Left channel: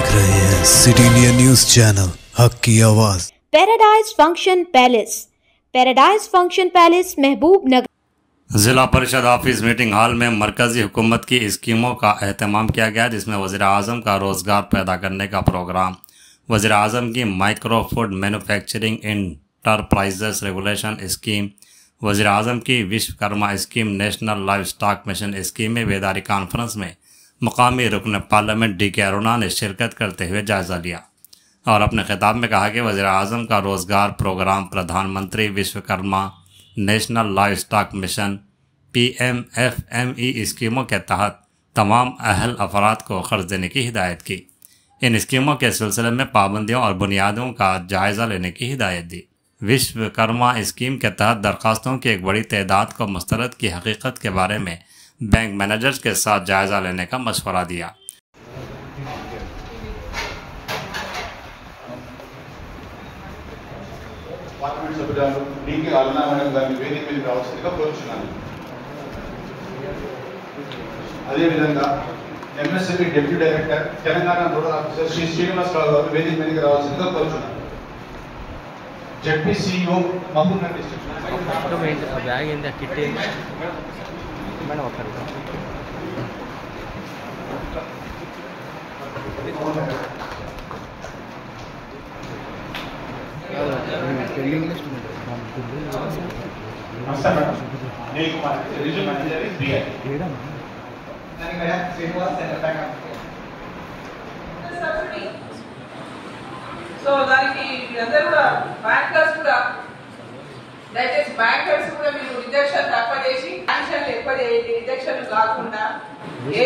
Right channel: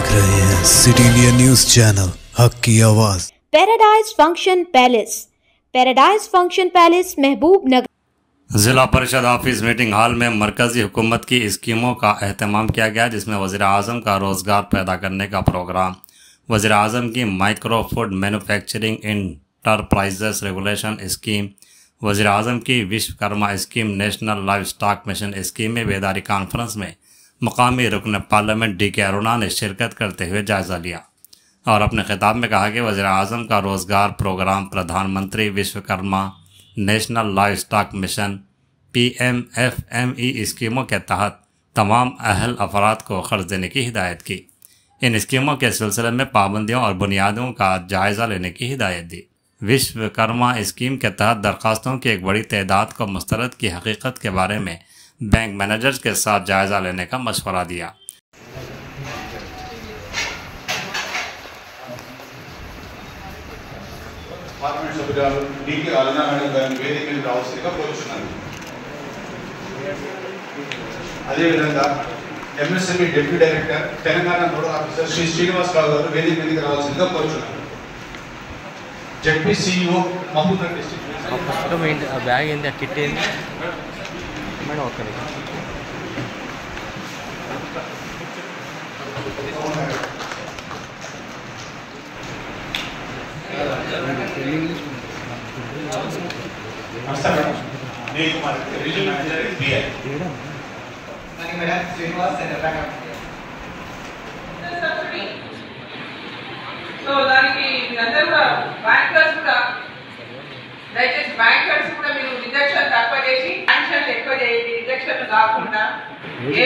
देख रहे हैं सिटी इंडिया न्यूज चैनल हक की आवाज। पैराडाइज फंक्शन पैलेस महबूब नगर। जिला परिषद ऑफिस मीटिंग हॉल में मरकजी हुकूमत की स्कीमों का एहतमाम किया गया, जिसमें वज़ीर आज़म का रोज़गार पैदा करने का प्रोग्राम, वज़ीर आज़म की micro food manufacturing enterprises regulation scheme, वज़ीर आज़म की Vishwakarma scheme, national live stock mission scheme में बेदारी कॉन्फ्रेंस में मुकामी रुकन पार्लियामेंट डी.के. अरुणा ने शिरकत करते हुए जायज़ा लिया और अपने खिताब में कहा कि वज़ीर आज़म का रोज़गार प्रोग्राम प्रधानमंत्री Vishwakarma national live stock mission PMFME स्कीमों के तहत तमाम अहल अफराद को क़र्ज़ देने की हिदायत की। इन स्कीमों के सिलसिले में पाबंदियों और बुनियादों का जायज़ा लेने की हिदायत दी। विश्वकर्मा स्कीम के तहत दरख्वास्तों की एक बड़ी तादाद को मुस्तरद की हकीकत के बारे में बैंक मैनेजर्स के साथ जायज़ा लेने का मशवरा दिया। MSME Deputy Director, Telangana Nodal Officer Sri Srinivas Rao garu వేదిక మీదకి రావాల్సిందిగా కోరుచున్నాను. ZPCEO Mahabubnagar district. బ్యాగ్ ఏంది కిట్ ఏంది మేడం ఒకసారి టెల్లింగ్ లిస్ట్ నమస్తే మేడం. నేను Kumar regional manager BI. So దానికి మీరందరూ కూడా బ్యాంకర్స్ కూడా దయచేసి బ్యాంకర్స్ కూడా మీరు రిజెక్షన్ తక్కువ చేసి శాంక్షన్లు ఎక్కువ చేయండి. రిజెక్షన్లు కాకుండా ఏ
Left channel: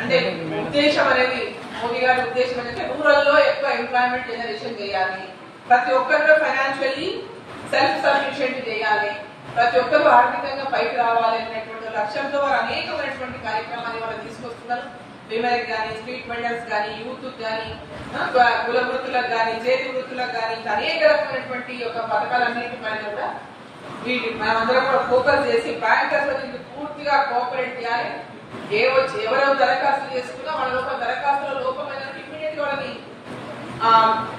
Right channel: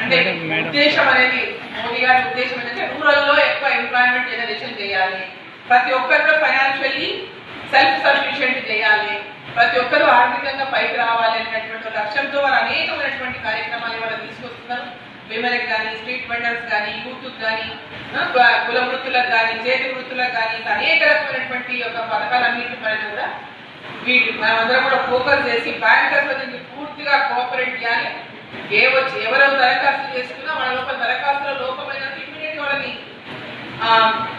అంటే ఉద్దేశం అనేది మోదీ గారి ఉద్దేశం ఏంటంటే రూరల్లో ఎక్కువ ఎంప్లాయ్మెంట్ జనరేషన్ చేయాలి, ప్రతి ఒక్కరు ఫైనాన్షియల్లీ సెల్ఫ్ సఫిషియెంట్ చేయాలి, ప్రతి ఒక్కరూ ఆర్థికంగా పైకి రావాలి అనేటువంటి లక్ష్యంతో వారు అనేకమైనటువంటి కార్యక్రమాలు ఇవాళ తీసుకొస్తున్నారు. విమెన్కి కానీ, స్ట్రీట్ వెండర్స్ కానీ, యూత్కి కానీ, కుల వృత్తులకు కానీ, చేతి వృత్తులకు కానీ, అనేక రకమైనటువంటి యొక్క పథకాలన్నింటిపైన కూడా మనమందరం కూడా ఫోకస్ చేసి బ్యాంకర్స్ దీనికి పూర్తిగా కోఆపరేట్ చేయాలి. ఎవరు దరఖాస్తు చేసుకున్నా వాళ్ళ లోపల దరఖాస్తుల లోపమైన ఇమీడియట్ వాళ్ళని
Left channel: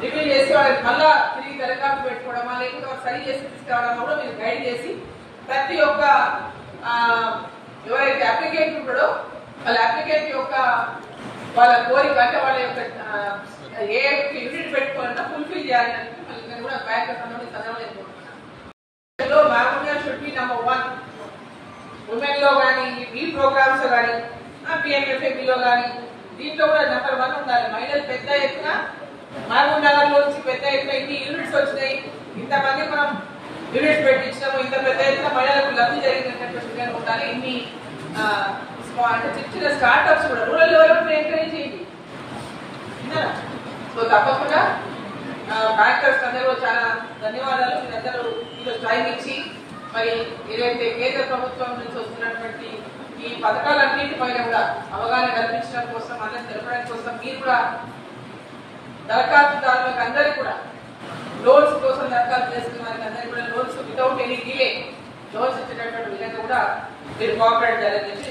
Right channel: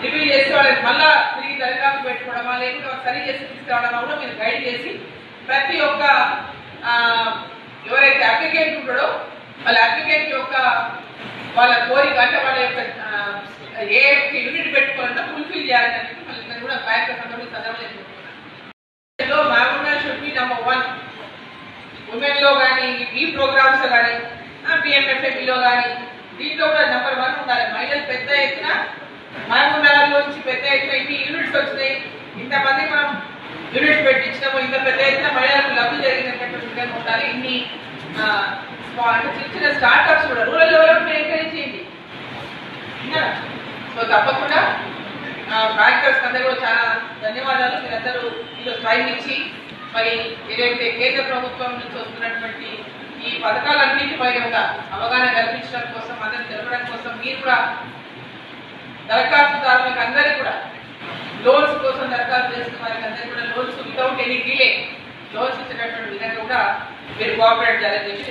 రివ్యూ చేసి వాళ్ళకి మళ్ళా తిరిగి దరఖాస్తు పెట్టుకోవడమా లేకపోతే వాళ్ళు సరి చేసి తీసుకురావడమా కూడా మీరు గైడ్ చేసి ప్రతి ఒక్క ఎవరైతే అప్లికెంట్ ఉంటాడో వాళ్ళ అప్లికెంట్ యొక్క వాళ్ళ కోరిక అంటే వాళ్ళ యొక్క ఏ యూనిట్ పెట్టుకోవాలన్నా ఫుల్ఫిల్ చేయాలని మళ్ళీ కూడా బ్యాంకర్స్ అందరూ చదవలేకపోతున్నాం. Mahabubnagar should be number 1 women లో కానీ, ఈ ప్రోగ్రామ్స్ లో కానీ, PMFMEలో కానీ దీంట్లో కూడా నంబర్ 1 ఉండాలి. మహిళలు పెద్ద ఎత్తున మహబూబ్నగర్ నుంచి పెద్ద ఎత్తున ఇన్ని యూనిట్స్ వచ్చినాయి, ఇంతమంది మనం యూనిట్స్ పెట్టించినాము, ఇంత పెద్ద ఎత్తున మహిళలకు లబ్ధి జరిగినటువంటి విధంగా ఉండాలి. ఇన్ని చిన్న స్టార్ట్అప్స్ కూడా రూరల్ డెవలప్మెంట్ ఎంకరేజ్ చేయండి. సో తప్పకుండా బ్యాంకర్స్ అందరూ చాలా ధన్యవాదాలు. మీరందరూ ఈరోజు టైం ఇచ్చి మరి ఏదైతే కేంద్ర ప్రభుత్వం నుంచి వస్తున్నటువంటి ఈ పథకాలన్నింటిపైన కూడా అవగాహన కల్పించడం కోసం, అందరిని తెలపడం కోసం మీరు కూడా దరఖాస్తుదారులకు అందరికీ కూడా లోన్స్ కోసం దరఖాస్తు చేసుకున్న వారికి అందరికీ కూడా loans without any delay loans ఇచ్చినటువంటి విధంగా కూడా మీరు కోఆపరేట్ చేయాలని చెప్పి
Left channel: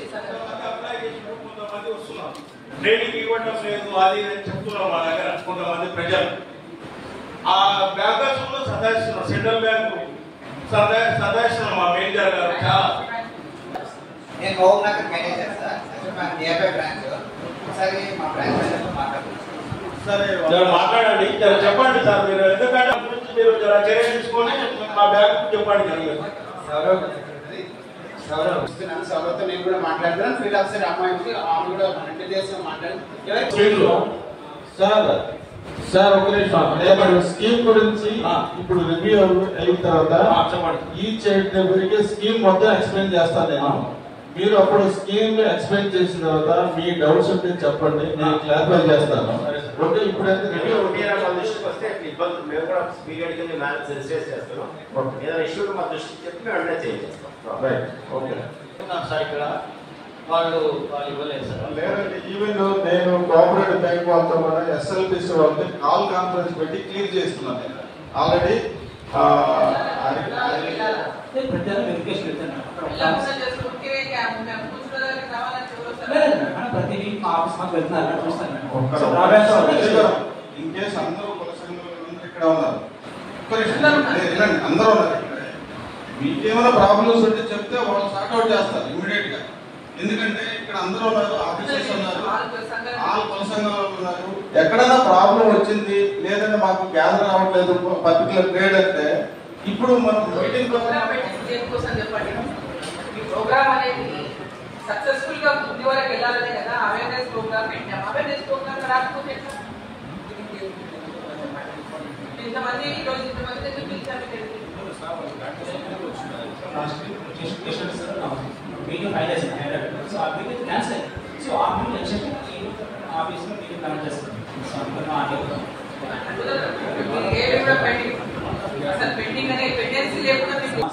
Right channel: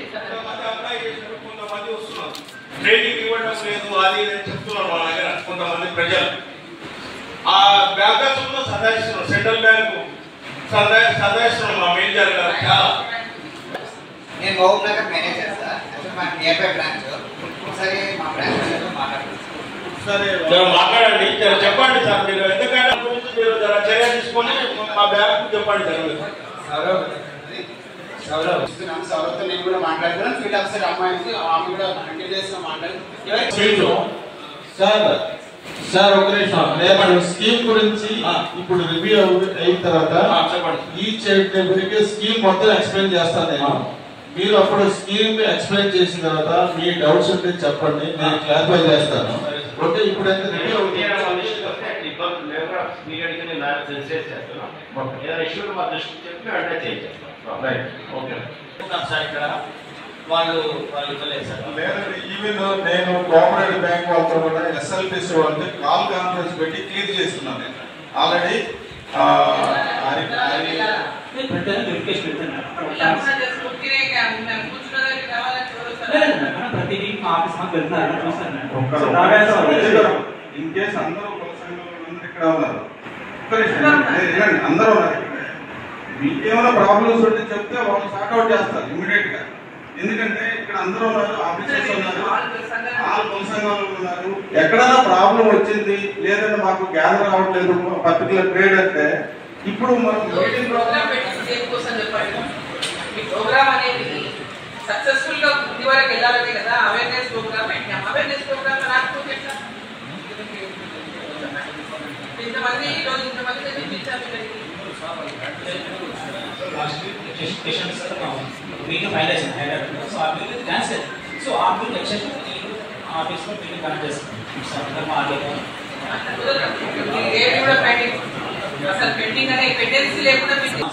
ట్రైనింగ్ ఇవ్వడం లేదు అది చెప్తున్నారు మా దగ్గర కొంతమంది ప్రజలు. ఆ బ్యాంకర్స్ కూడా సదాయిస్తున్నారు, సెంట్రల్ బ్యాంకు సదాయిస్తున్నారు మా మేనేజర్ గారు. చాలా నేను మహబూబ్నగర్ మేనేజర్ సార్, మా నియర్ బ్రాంచ్. ఒకసారి మా బ్రాంచ్ సరే మాట్లాడండి, చెప్పండి సార్. మీరు ఎందుకంటే మీరు చర్య తీసుకొని మా బ్యాంకు చెప్పండి సౌరవ్తో నేను కూడా మాట్లాడుతున్నాను. ఫీల్డ్ ఆఫీసర్ అమ్మాయికి ఆమె కూడా 100 days లో మాట్లాడి సార్ ఒక నిమిషం స్కీమ్ గురించి ఇప్పుడు రివ్యూ అయిన తర్వాత ఈచ్ ఎవరికి స్కీమ్ మొత్తం ఎక్స్ప్లెయిన్ చేస్తాను నేను. మీరు అప్పుడు స్కీమ్ ఎక్స్ప్లెయిన్ చేసిన తర్వాత మీ డౌట్స్ ఉంటే చెప్పండి, నేను క్లారిఫై చేస్తాను. ఓకే, ఇప్పుడు రివ్యూ ఈవెన్ నేను కోఆపరేటివ్ బ్యాంక్ వాళ్ళతో కూడా SLPC వాళ్ళకి కాల్ కాన్ఫరెన్స్ పెట్టి క్లియర్ చేస్తున్నాను. నేను ఆల్రెడీ ప్రతిదీ ఆఫీస్ వెళ్తున్నారు చూస్తాను. ఇన్ కేసు అందరూ ఇక్కడ ఉన్నారు, అందరూ ఉన్నారు. మీకేమైనా ప్రాబ్లమ్స్ ఉంటే చెప్తే వాళ్ళు సార్ట్అవుట్ చేస్తారు ఇమీడియట్ గా. ఎందుకంటే ఇక్కడ అందరూ ఉన్నారు, ఆఫీసర్స్ ఉన్నారు, ఆల్ కుల సంఘాలు ఉన్నారు. ఎక్కడైనా ప్రాబ్లం వచ్చింది లేదంటే మాకు గ్యాదర్ అవ్వట్లేదు పర్టికులర్ ట్రేడ్ అంటే ఇప్పుడు మనం మీటింగ్ ప్రోగ్రామ్ అనేది సక్సెస్ఫుల్ గా ముందు వరకు వెళ్ళాలనే కదా అవేర్నెస్ ప్రోగ్రామ్ పెట్టాం. అవేర్నెస్ ప్రోగ్రామ్ రాకపోతే ఎట్లా? ఇంతమంది ఈరోజు ఇంతమంది చూపించాము. मीटिंग फाइनलाइज है सो आप मीटिंग कैंसिल सो आप भी लेक्चर ऑफिस में मीटिंग करना चाहिए सब करना आगे ये కూడా పెండింగ్ అసలు పెండింగ్ అనే పెండెన్సీ లేకుండా పెండింగ్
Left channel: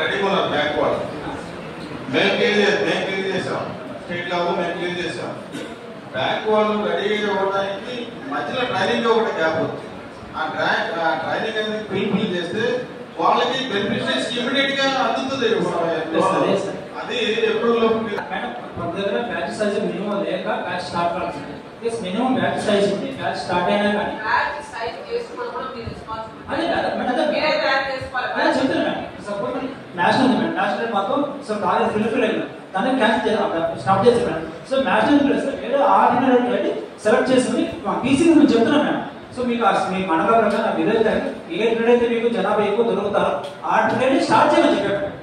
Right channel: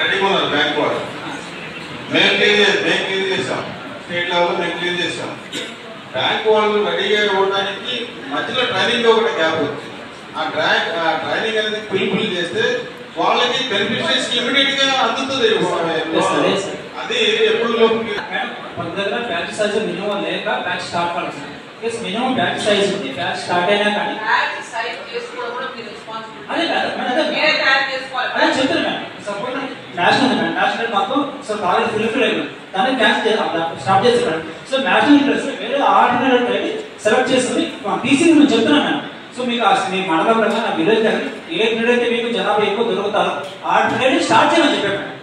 రెడీగా ఉన్నారు. బ్యాంక్ వాళ్ళు మేము క్లీన్ చేసాం, స్టేట్ లెవెల్ మేము క్లీన్ చేసాం. బ్యాంక్ వాళ్ళు రెడీగా ఇవ్వడానికి మధ్యలో ట్రైనింగ్ ఒకటి గ్యాప్ వచ్చింది. ఆ ట్రైనింగ్ అనేది ఫుల్ఫిల్ చేస్తే వాళ్ళకి బెనిఫిషియరీస్ ఇమిడియట్ గా అందుతుంది. అది ఎప్పుడు మేడం బ్యాచ్ సైజ్ మినిమం లేక బ్యాచ్ స్టార్ట్ కావాల్సింది. మినిమం బ్యాచ్ సైజ్ ఉంది, బ్యాచ్ స్టార్ట్ అయినా కానీ బ్యాచ్ సైజ్ చేసుకోవడం కూడా మీ రెస్పాన్సిబిలిటీ. అదే మేడం మీరే ప్లాన్ చేసుకోవాలి. అదే చెప్తాను మేడం. సపోజ్ నేషనల్ మాత్రం సో బాగా ఫుల్ఫిల్ అయింది, దాన్ని క్యాన్సిల్ స్టాప్ చేస్తాను. సో నేషనల్ ఇంట్రెస్ట్ వేరే ఆర్డినరీ సెలెక్ట్ చేసుకుని టీసీ నేను చెప్తున్నాను మేడం. సో మీకు మీ మండల ప్రకారం నా విలేజ్ ఏ ట్రేడ్ అయితే మీకు జనాభా ఎక్కువ దొరుకుతారు ఆ ట్రేడ్ స్టార్ట్ చేయమని చెప్పాను.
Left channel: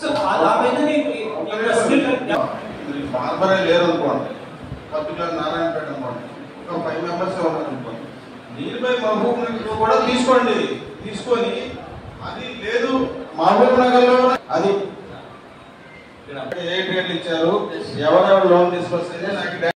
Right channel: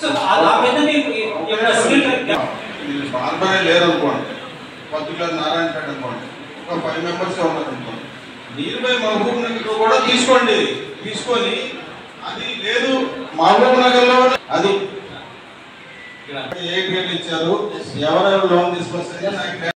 సో ఆ పైన మీకు బార్బరే లేరు అనుకోండి, పర్టికులర్ నారాయణపేట అనుకోండి, ఒక 5 మెంబర్స్ ఉన్నారు అనుకోండి, నీల్ బై మహబూబ్ నగర్ కూడా తీసుకోండి. తీసుకొని అది లేదు మహబూబ్ నగర్ లో అది ఏ ట్రేడ్ ఇచ్చారు, ఎవరెవరు లోన్ తీసుకొస్తే నాకు